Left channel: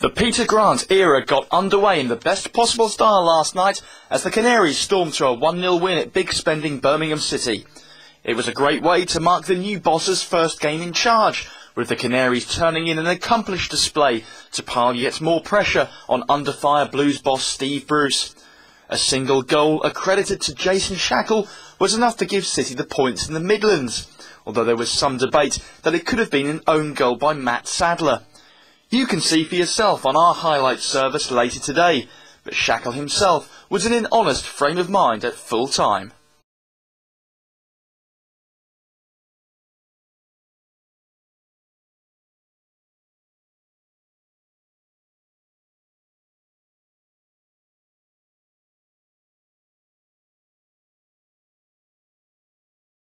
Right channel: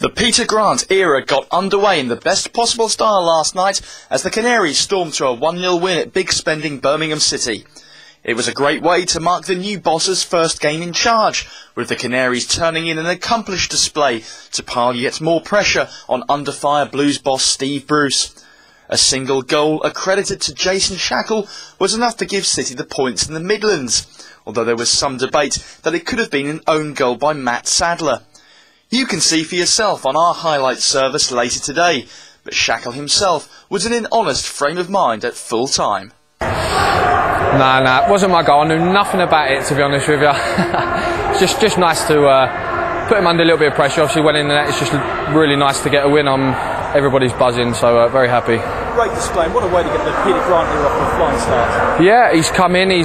The Peter Grant era got underway in the best possible style last night as the Canaries stormed to a 1-0 win at big spending Birmingham City. It was a great way to mark the new boss's first game in charge, with the Canaries turning in an accomplished display to pile yet more pressure on under-fire Blues boss Steve Bruce. A single goal accredited to Jason Shackell was enough to give City the points in the Midlands, although there was some debate that it could have been an own goal by Matt Sadler. You can see for yourself on our highlights service later today, but Shackell himself was in an honest frame of mind at full time. Nah, it wasn't my goal. I knew nothing about it, to be honest with you. It's just nice to put him under a little bit of pressure. Obviously, went in the net. It's just really nice to get a win. Everybody's buzzing, so very happy. Great display. And what a way to get the Peter Grant era off to a flying start. Yeah, he's come in. He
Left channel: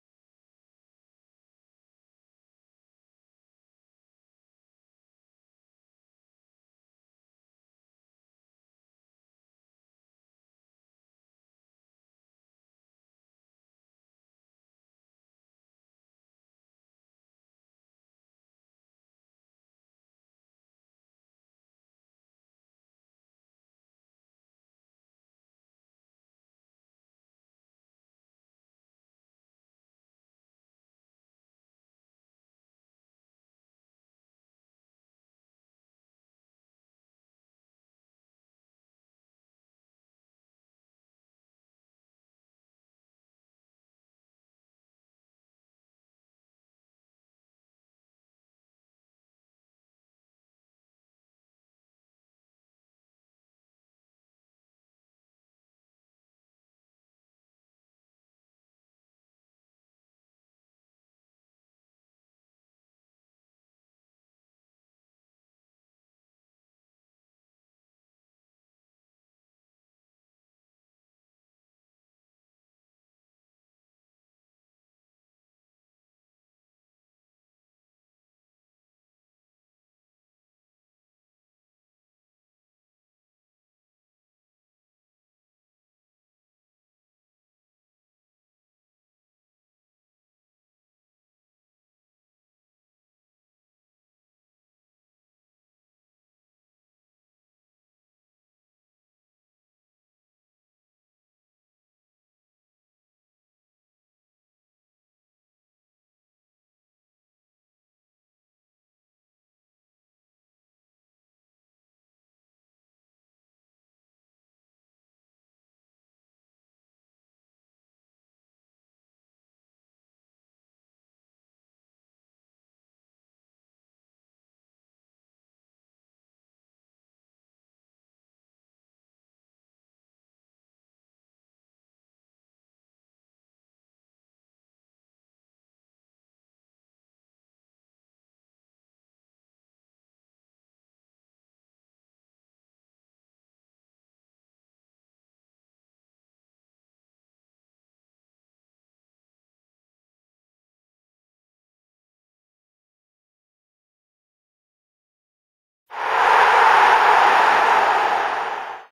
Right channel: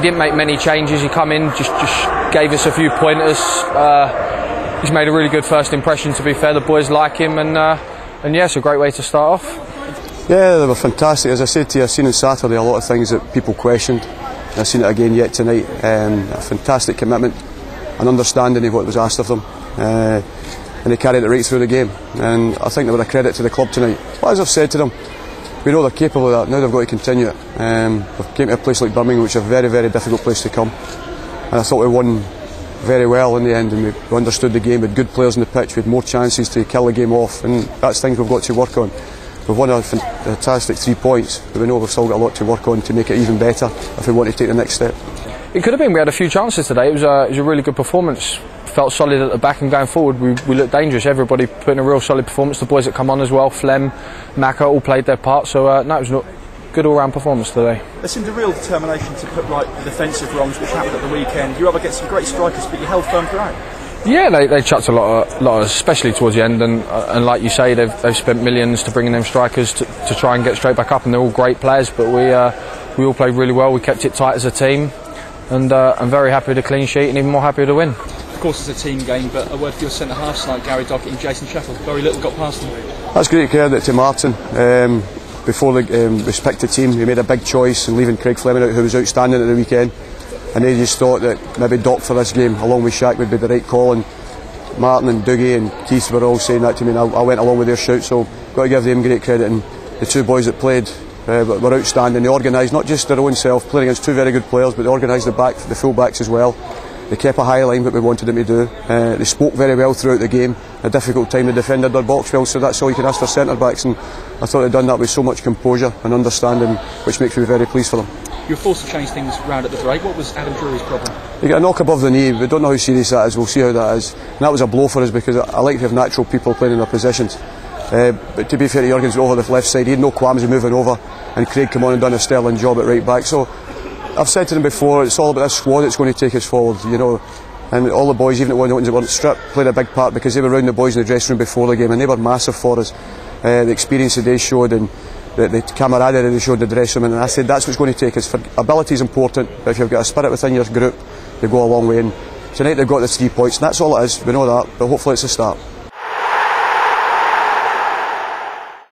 didn't make many changes. He come in, just gave us a few pointers. He's made a really good first impression, to be fair. The boys like him, and yeah, it's a great way to start off. Yeah, they were fantastic. As I said to you, I've seen on Saturday a lot of things that people questioned. I've seen it again yet tonight. A fantastic commitment, an understanding of what was asked of them, and they carried it right through the game. And I think they were a credit to the club tonight. But as I've said to them, we know they're capable of that. Now they've got to continue it. We've came to a place like Birmingham, which is a very, very difficult place to come. And I thought we won very well in the end, and we understood the game. We had good players on the pitch. We had more chances to kill the game off, and that's things we've got to work on. We've won a fantastic 3 points, but we know we've still got a lot to work on to make it even better if we want to take the next step. It could have been. We had a few chances today. It was a really good performance. Felt solid at the back, and going forward we looked dangerous. Everybody put in a real solid performance. The boys that come on as well, Flem, Maka, all played their part. So no, it was a good all-round performance today. There seemed a real determination to put right the defensive wrongs, which happened at the weekend. You were able to get some great strikers, but you held firm throughout. Yeah, they chucked a lot, especially towards the end, and like you say, they've spent millions to bring in them strikers to try and get straight back up, and they're all great players. But we all played really well. We kept it tight as a team, and I'm very happy with the clean sheet, and even more happy with the win. Of course, it's a team game, but a word for your centre halves like Gary Dockett and Jason Shackell. Very little got past them. That's great credit to Martin. Before the respected team, he made a big choice in leaving Craig Fleming out, who was outstanding at the weekend. And they just thought that maybe Doc for this game, along with Shaq, would be the right call. And Martin and Dougie and Keith were all saying that to me, and I went along with their shout. So got to give them great credit. And the two boys that played were outstanding. They organised not just their own self, playing against two very good players, but they organised the full backs as well. They kept a high line, what we wanted them to do. They spoke very well throughout the game. A difficult time, they defended their box well, so that's all you can ask for centre backs. And I thought they'd done that with so much composure and understanding, which makes me very pleased for them. You were forced to change things round at the break. What was Adam Drury's problem? He got a knock above the knee. We don't know how serious that is. We'll see how that is. And that was a blow for us, because I like to have natural people playing in their positions. But to be fair to Jurgen's over the left side, he had no qualms of moving over, and Craig come on and done a sterling job at right back. So I've said to them before, it's all about this squad that's going to take us forward, you know. And all the boys, even the ones that weren't stripped, played a big part, because they were around the boys in the dressing room before the game, and they were massive for us. The experience that they showed, and the camaraderie they showed in the dressing room, and I said that's what's going to take us. Ability is important, but if you've got a spirit within your group, they go a long way. And tonight they've got the 3 points, and that's all it is. We know that, but hopefully it's a start.